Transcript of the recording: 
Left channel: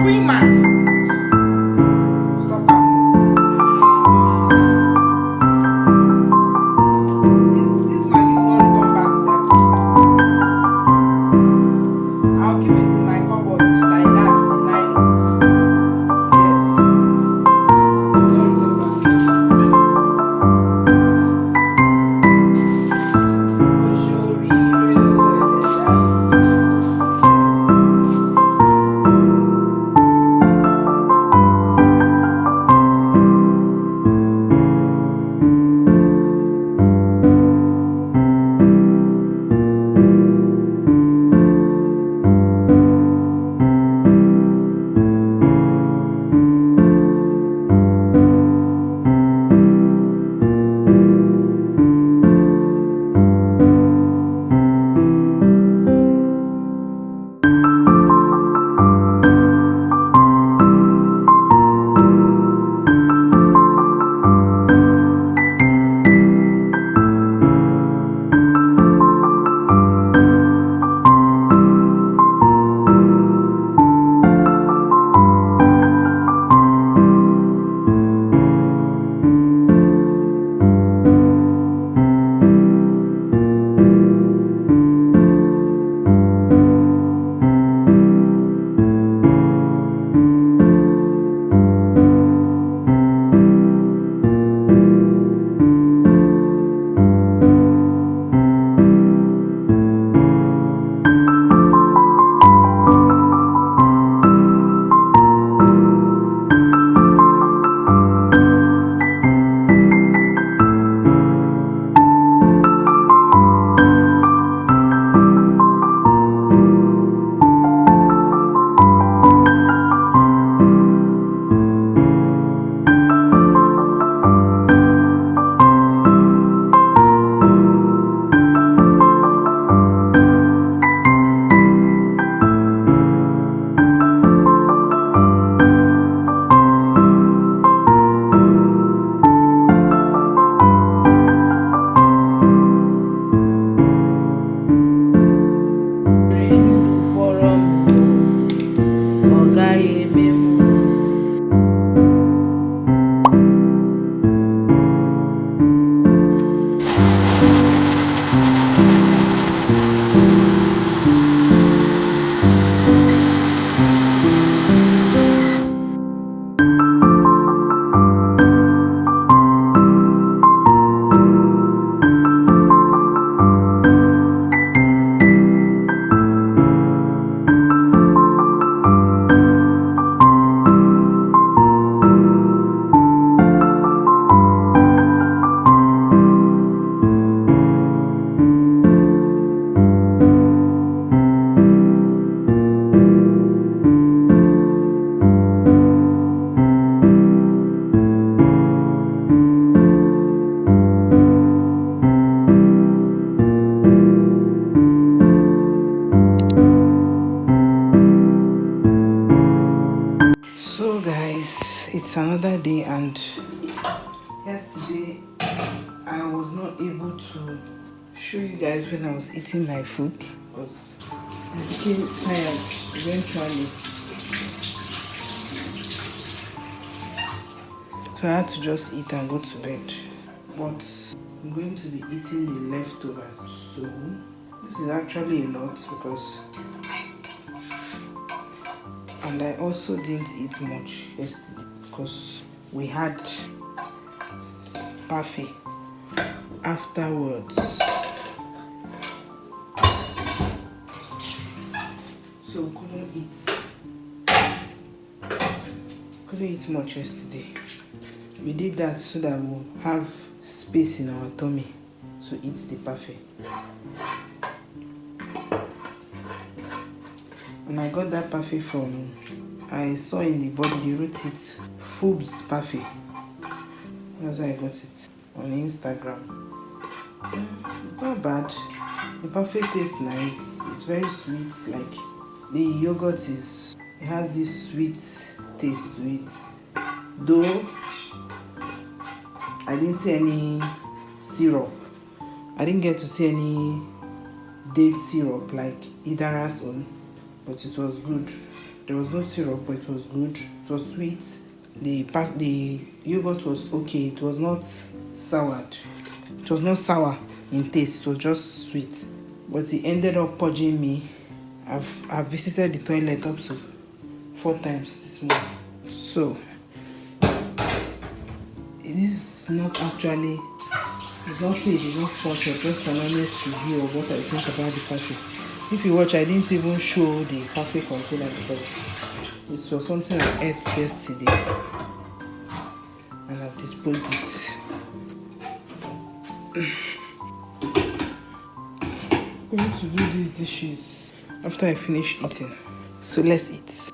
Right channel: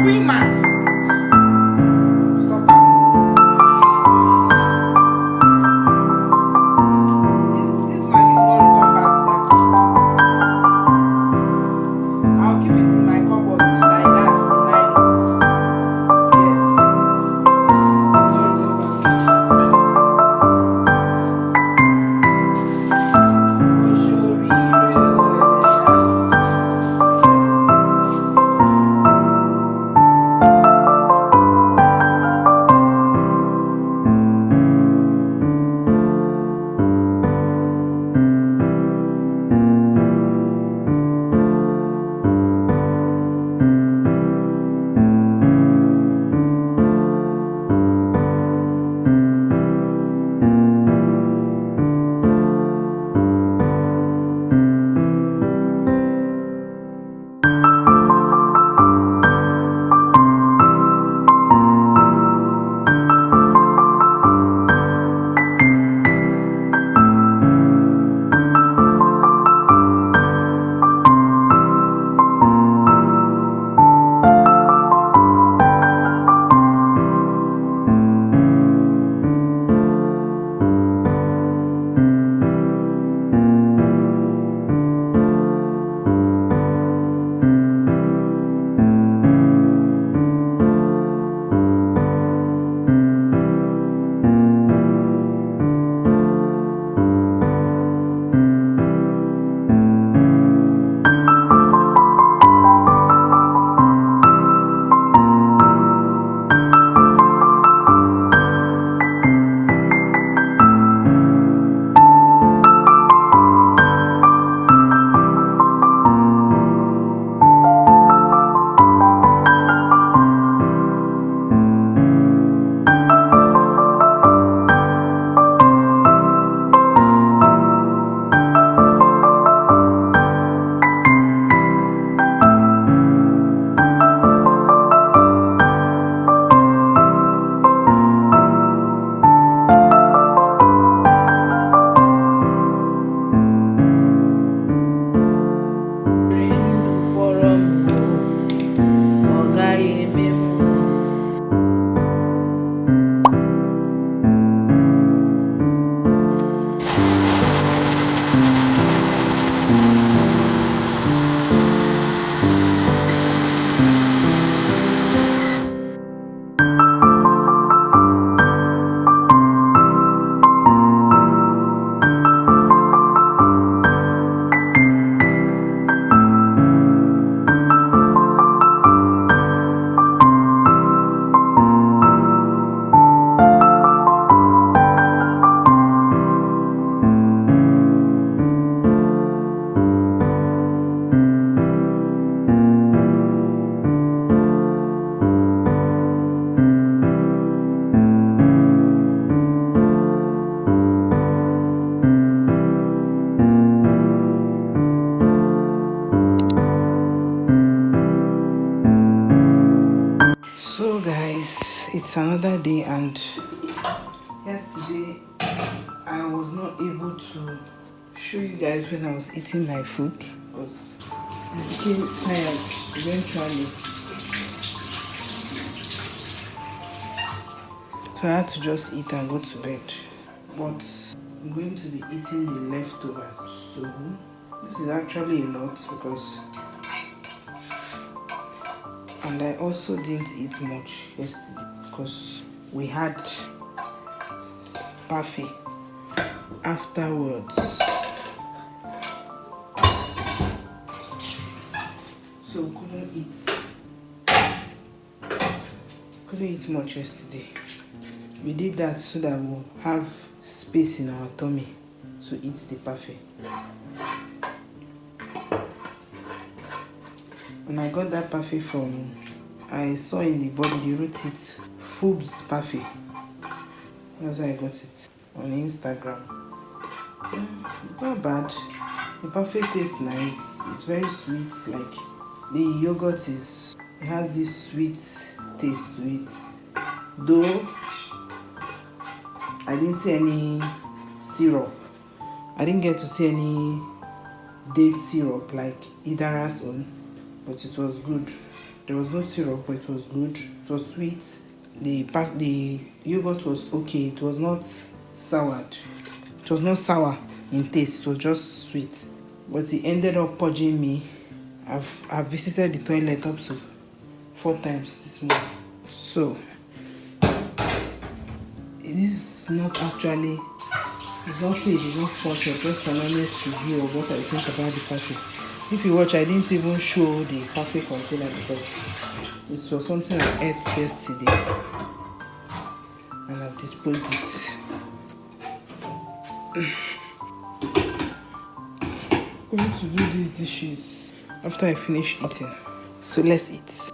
Queen man. So guys, it's another day, and yesterday I was not able to show you guys when I was eating my food because I became tired eventually. So I had to just eat and go to bed. But I'm going to be eating the leftovers. So this is actually a lot because, and I also didn't eat much yesterday because we had parfait afterwards. So we couldn't eat much yesterday. We did that so that we'll have space in our tummy to eat the parfait. And I got that parfait from, I saw in the body they wrote it Foob's parfait. That's why I got it on Instagram. It's not bad. The parfait tastes nice. It's very sweet. Like the yogurt it has this sweet taste to it. Though I didn't see any syrup. I didn't get to see any date syrup like Idara's own, but it was good. There was no syrup, but it was good. It was sweet. The yogurt was okay. It was not soured. It was not sour in taste. It was just sweet. But he ended up purging me. I've visited the toilet up to 4 times this morning. So this is not actually, it's not paid, it's not sponsored, just an honest review of what I think about the parfait. If you watch, I didn't even show the parfait container because this was something I ate yesterday and I've disposed it. I'm going to do these dishes after I finish eating. So let's eat.